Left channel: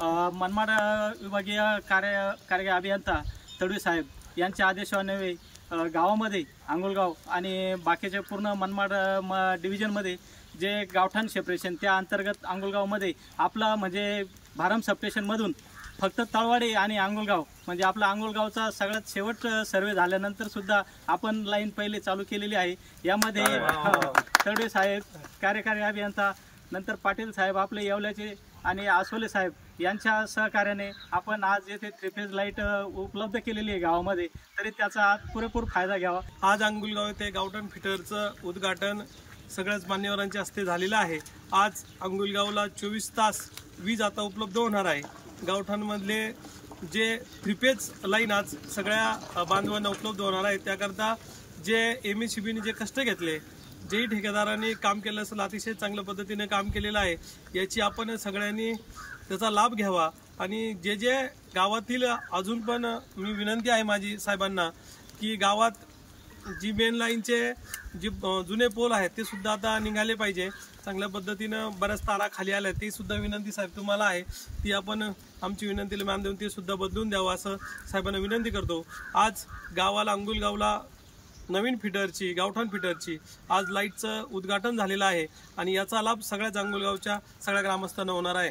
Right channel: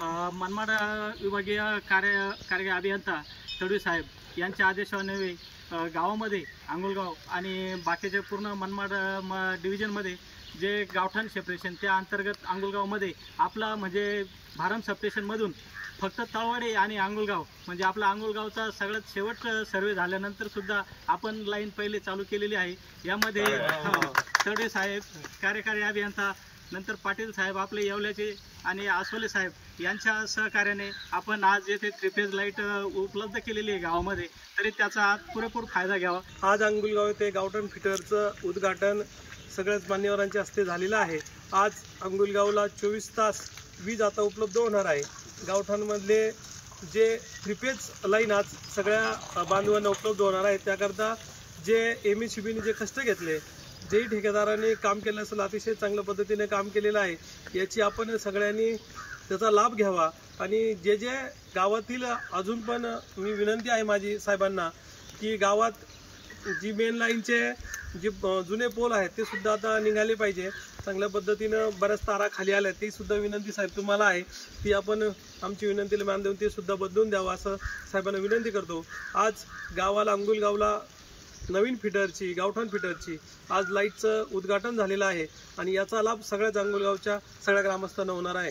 मनमाड विभागीय कार्य अभियंता तडवी साहेब यांच्या आदेशान्वये गावामध्ये अंगुलगाव आणि बाकीचे पूर्ण मनमाड डिव्हिजनमध्ये जे गावठाण सेपरेशन त्या अंतर्गत अंगुलगावमध्ये आपला म्हणजे भारम सबस्टेशनमधून फक्त तळवाडी आणि अंगुलगाव म्हणजे आपला अंगुलगावचा सगळ्यात शेवट सर्वे झाल्यानंतर सुद्धा आपण लाईन पहिले चालू केलेली आहे। यामध्ये तडवे साहेब कार्यकारी अभियंता नंतर पाटील साहेब आपले येवल्याचे आणि आसोले साहेब यांच्या सहकार्याने आपण आज येथे 3 फेज लाईट उपलब्ध केलेली आहे गावामध्ये, तरी त्याचा पुरेपूर फायदा घ्यावा। आज अंगुलगाव येथे गावठाण फिटरचं उद्घाटन सगळ्याच मान्यवरांच्या हस्ते झालेलं आहे। आज अंगुलगावला 24 तास वीज आता उपलब्ध होणार आहे। गावठाणमधले जे 3 फेज लाईन आज सगळ्या बांधवांना उपलब्ध होणार आहे, त्याकरता जे MSCBने जे कष्ट घेतले, जेही ठेकेदारांनी काम केलं असेल अतिशय चांगल्या पद्धतीने काम केलेलं आहे, याची आपण सगळ्यांनी त्याचा लाभ घ्यावा। आणि जे जे गावातील अजून पण मी विनंती आहे माझी साहेबांना की गावात जी मेन लाईनचे जे जुने पोल आहेत ते सुद्धा आता निघाले पाहिजे चांगल्या पद्धतीनं। बऱ्याच तारा खाली आल्या, ते सुद्धा विनंती साहेब तुम्हाला आहे ती आपण आमची विनंतीला मान देऊन ते सुद्धा बदलून द्यावं असं साहेबांना विनंती करतो। आज गावाला अंगुलगावला नवीन फिटरची गावठाण फिटरची आज लाईटचं उद्घाटन झालेलं आहे आणि याचा लाभ सगळ्याच अंगुलगावच्या सगळ्या ग्रामस्थांना होणार आहे।